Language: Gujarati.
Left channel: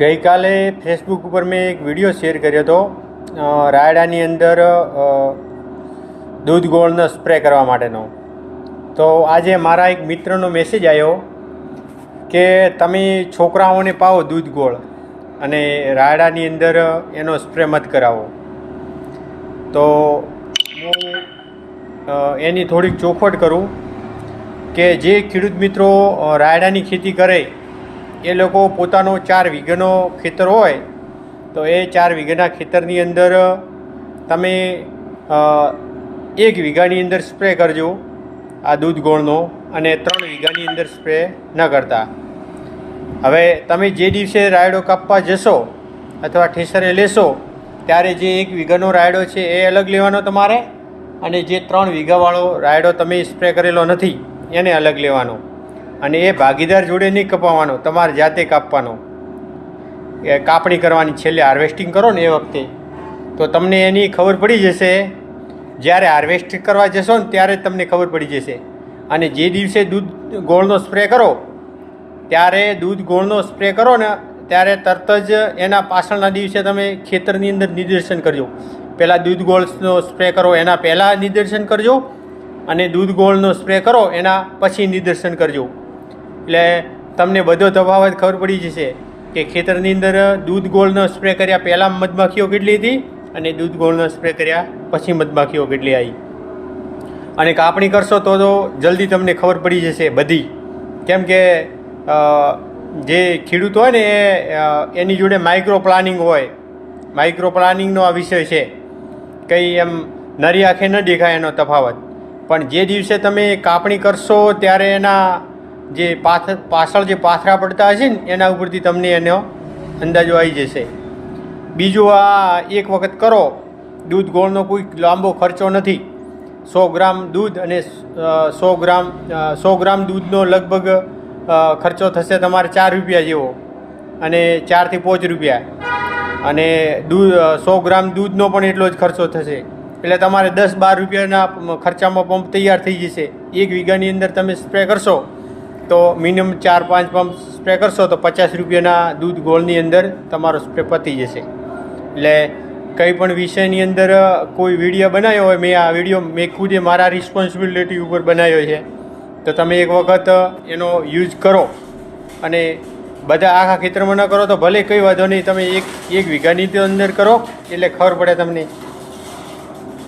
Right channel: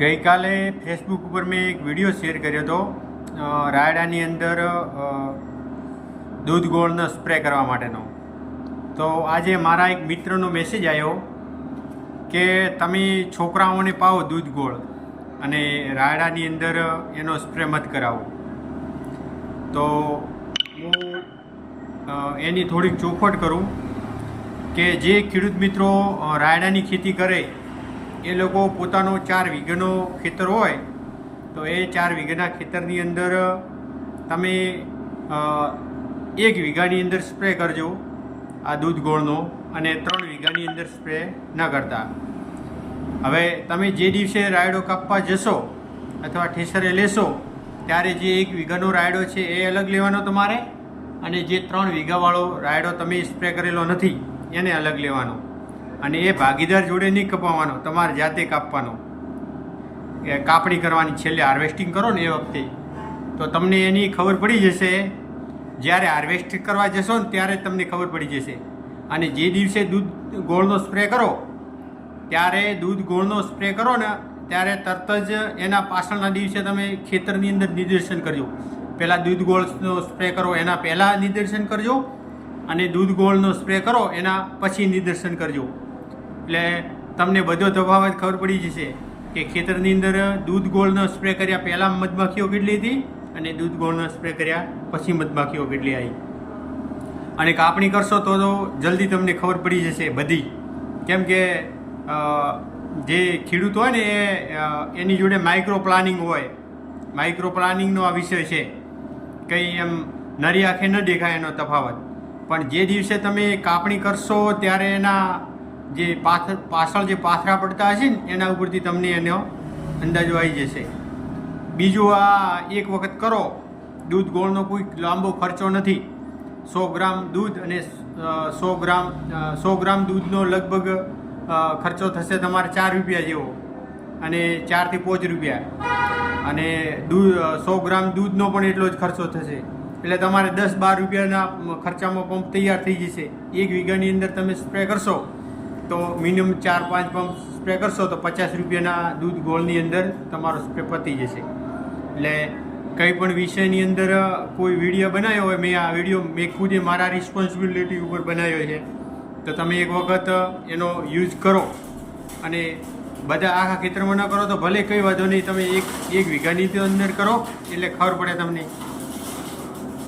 ગઈકાલે ફેસબુક ઉપર મેં એક વિડીયો શેર કર્યો હતો રાયડાની અંદર દૂધ ગોળનો સ્પ્રે કરવા માટેનો. તો આજે મારા એક મિત્રનો મેસેજ આવ્યો કે તમે છોકરાઓને પાવો દૂધ ગોળ અને રાયડાની અંદર એનો સ્પ્રે મત કરાવો. તો હું એની થોડીક ચોખવટ કરું કે જે ખેડૂત મિત્રો રાયડાની ખેતી કરે એ લોકો પોતાનો 4 વીઘાનો ખેતર હોય તો એ 4 વીઘાના ખેતરની અંદર તમે 1 વીઘાની અંદર સ્પ્રે કરજો આ દૂધ ગોળનો અને 3 વીઘાની અંદર સ્પ્રે ન કરતા. હવે તમે જે દિવસે રાયડો કાપવા જશો અથવા ઠેસરે લેશો ત્યારે જે 1 વીઘાનો રાયડો છે એ અલગ લેવાનો તમારે, અને જે 3 વીઘાવાળો રાયડો તમે સ્પ્રે કરેલો નથી એને અલગ લેવાનો. અને એ ભાગીદાર જોડે નહીં કપાવવાનો, તમારે જાતે કાપવાનો. એ કાપણી કરવાની છેલ્લે હાર્વેસ્ટિંગ કરો ને એ વખતે. તો તમને એની ખબર પડી જશે. જ્યારે હાર્વેસ્ટ કરવા જશો ને ત્યારે જ તમને ખબર પડી જશે. અને જે દિવસે દૂધ ગોળનો સ્પ્રે કરો ત્યારે દૂધ ગોળનો સ્પ્રે કરો ને ત્યારે તરત જ એના પાછળના દિવસે તમે ખેતરની અંદર નિદર્શન કરજો. પહેલાં દૂધ ગોળનો સ્પ્રે કરો એના પહેલાં નિદર્શન કરજો, અને દૂધ ગોળનો સ્પ્રે કરો એના પછી નિદર્શન કરજો. એટલે તમને બધો તફાવત ખબર પડી જશે કે ખેતરની અંદર દૂધ ગોળનો સ્પ્રે કર્યા પહેલાં મધમાખીઓ કેટલી હતી અને દૂધ ગોળનો સ્પ્રે કર્યા પછી મધમાખીઓ કેટલી આવી. અને કાપણી કરશો તો જલ્દી તમને ખબર પડી જશે બધી. કેમ કે જે ખેડૂત હોય ને એની જોડે માઇક્રો પ્લાનિંગ હોય. માઇક્રો પ્લાનિંગનો આ વિષય છે. કંઈ એમ નરી આંખે ન દેખાય એનો તફાવત. પણ જે દિવસે તમે કાપણી કરશો ત્યારે એના જે પાછળ જે પાથરા પડતા હશે ને એના ઉપરથી તમને એનો અંદાજો આવી જશે. બીજું, આ એક વખત કરો. દૂધ ગોળનો કોઈ લાંબો ખર્ચો નથી. 100 ગ્રામ દૂધ અને 100 ગ્રામ દૂધનો લગભગ ખર્ચો થશે તમારે 4 રૂપિયા જેવો, અને 4 થી 5 રૂપિયા. અને 100 ગ્રામ દૂધનો પણ એટલો જ ખર્ચો થશે. એટલે તમારે 10-12 રૂપિયાના ખર્ચામાં પંપ તૈયાર થઈ જશે. 1 વીઘાની અંદર તમે સ્પ્રે કરશો તો મિનિમમ 4-5 પંપ સ્પ્રે કરશો તો 50 રૂપિયાના દૂધ ગોળની અંદર તમારો સ્પ્રે પતી જશે. એટલે કંઈ પણ વિષયની અંદર કોઈ વિડીયો બનાવ્યો હોય, આ વિડીયો મેં ખુદે મારા રિસ્પોન્સિબિલિટી ઉપર બનાવ્યો છે, તો તમે એક વખત એનો યુઝ કરો. અને બધા આખા ખેતરમાં ન કરો તો ભલે કંઈ વાંધો નહીં, તમે એક વીઘાની અંદર કરો એટલે ખબર પડે તમને.